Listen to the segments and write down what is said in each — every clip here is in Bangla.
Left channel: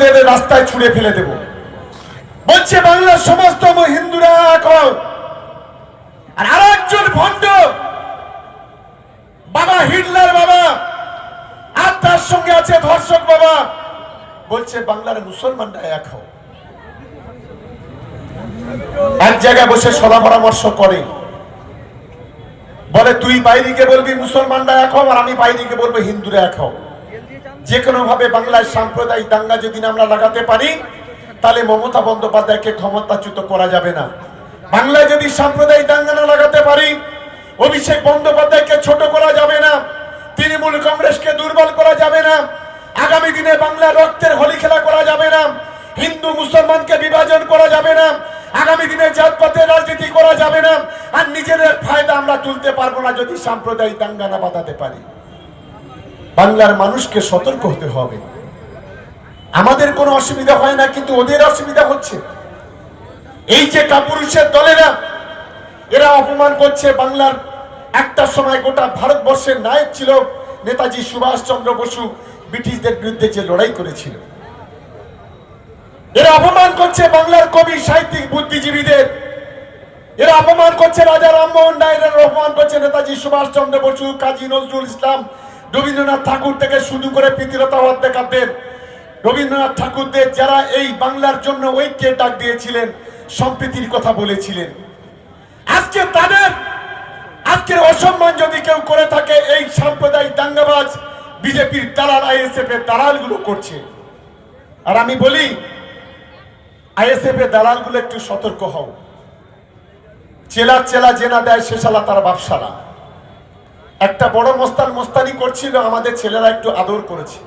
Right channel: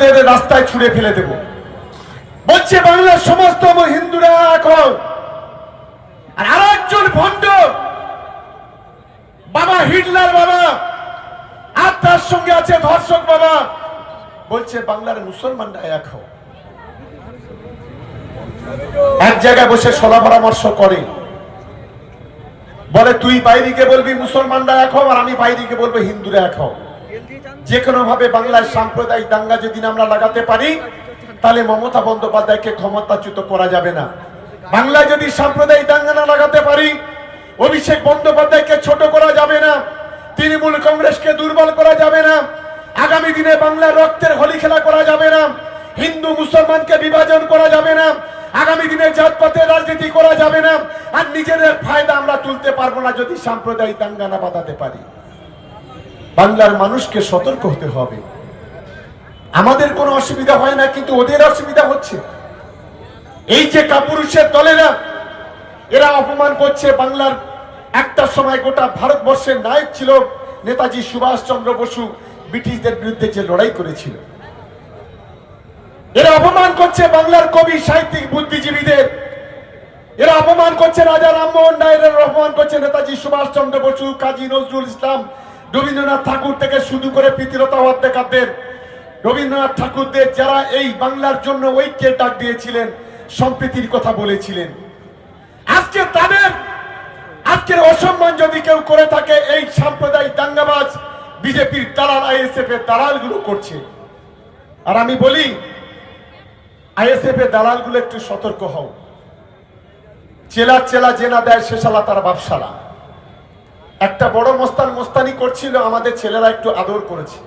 মুসলিমদের রাস্তায় ছুঁড়ে ফেলে দেব। বলছে, বাংলার সমস্ত হিন্দুরা হও আর আরেকজন ভণ্ড, বাবা হিটলার বাবা, আর তার সঙ্গে আছে ধর্ষক বাবা। বলছে, বাংলার মুসলমানরা এক এক জায়গায় বসে সলা পরামর্শ করে। বলে, তুই বাইরিকে বলবি মুসলমানরা এক হও, আর আমি বাইরিকে বলব হিন্দুরা এক হও। যে কোনো ভাবে বাংলায় সাম্প্রদায়িক দাঙ্গা যদি আমরা লাগাতে পারি, তাহলে মমতা বন্দ্যোপাধ্যায়কে ক্ষমতাচ্যুত করা যাবে না। বাংলায় যদি সাম্প্রদায়িক দাঙ্গা না লাগাতে পারি, অভিষেক বন্দ্যোপাধ্যায়কে ছোট করা যাবে না, তৃণমূল কংগ্রেসকে দুর্বল করা যাবে না, আগামী দিনে বাংলার রক্তের হোলি খেলা করা যাবে না, হিন্দু মুসলমানকে বিভাজন করা যাবে না, আগামী দিনে জাতপাতের রাজনীতি করা যাবে না, আর নিজেদের ফায়দা আমরা তুলতে পারব না যদি সাম্প্রদায়িক দাঙ্গা না বাঁধাতে পারি। বাংলার মানুষকে সতর্ক হতে হবে। আমাদের কোনো অসুবিধা হয় না, কিন্তু ওদের অসুবিধা হচ্ছে। এই যে কাপুরুষের দলেরা, এরা অপমান করছে বাংলার একটা সময় গোটা ভারতবর্ষের নায়ক ছিল নেতাজি সুভাষচন্দ্র বসু, ব্রিটিশদের বিরুদ্ধে যে লড়াই করেছিল। এরা অপমান করছে বাংলার কবি, সাহিত্যিক, বুদ্ধিজীবীদের। এরা অপমান করছে রাজা রামমোহন এরা অপমান করছে নেতাজি সুভাষচন্দ্র বসু, কাজী নজরুল ইসলাম রবীন্দ্রনাথ ঠাকুর থেকে শুরু করে প্রীতিলতা ওয়াদ্দেকারদের রবীন্দ্রনাথ ঠাকুরদের যারা এই বাংলার জন্য ঐক্যের ডাক দিয়েছিলেন, সম্প্রীতির কথা বলেছিলেন। আজকে তাদের, আজকের অসম্মান যদি কেউ করে থাকে, এই সাম্প্রদায়িক দাঙ্গাবাজ বিজেপির দালাল আইএসএফ এর দালালগুলো করছে। আর আমি বলি, আইএসএফ এর দালালগুলো একটু সতর্ক হও। চেলা চেলা জেনা দেয় শালা তার বাপসালা একটা বড় মোস্তান মোস্তানি করছিল আমাদের ছেলেরা একটু আদর করেছে।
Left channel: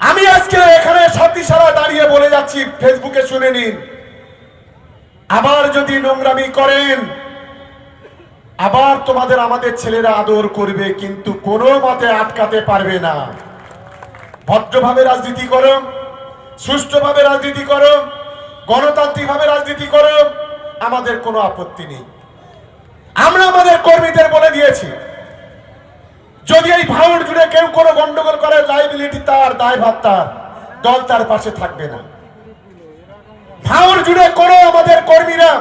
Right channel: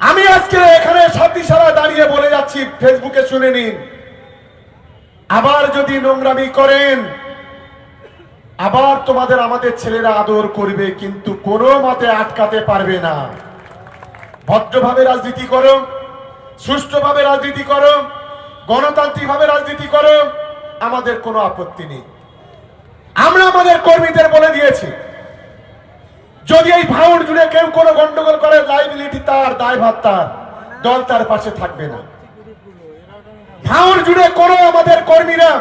আমি আজকে এখানে সাথী সারা দাঁড়িয়ে বলে যাচ্ছি, ফেসবুকে শুনে নিন। আবার যদি নোংরামি করেন, আবার তোমাদের আমাদের ছেলেরা আদর করবে, কিন্তু কোনো মতে আটকাতে পারবে না। ভদ্রভাবে রাজনীতি করো, সুষ্ঠুভাবে রাজনীতি করো, গণতান্ত্রিকভাবে রাজনীতি করো, আমাদের কোনো আপত্তি নেই। আমরা আমাদের কর্মীদের বলে দিয়েছি যদি এই ভাউর জুড়ে কেউ কোনো গন্ডগোল করে লাইবিলিটি তার, দায়ভার তার, দল তার পাশে থাকবে না। ভাউর জুড়ে কোনো আমাদের কর্মীরা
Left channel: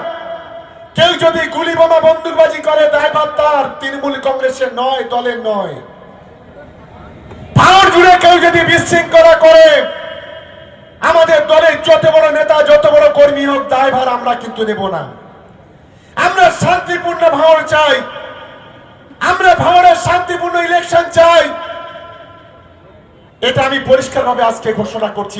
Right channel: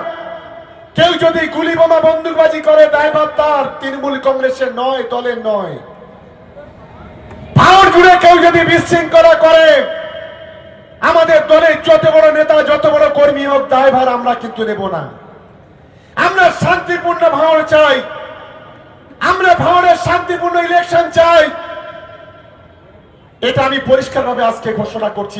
কেউ যদি গুলি বোমা বন্দুকবাজি করে, দায়ভার তার, তৃণমূল কংগ্রেসের নয় দলের নয়। ভাউর জুড়ে কেউ যদি বিশৃঙ্খলা করে, আমাদের দলের যত বড় নেতা, যত বড় কর্মী হোক, দায়ভার আমরা কিন্তু নেব না। আমরা শান্তিপূর্ণ ভাওড় চাই। আমরা ভাওড়ের শান্তিপূর্ণ ইলেকশন চাই। এটা আমি পরিষ্কারভাবে আজকে ঘোষণা করছি।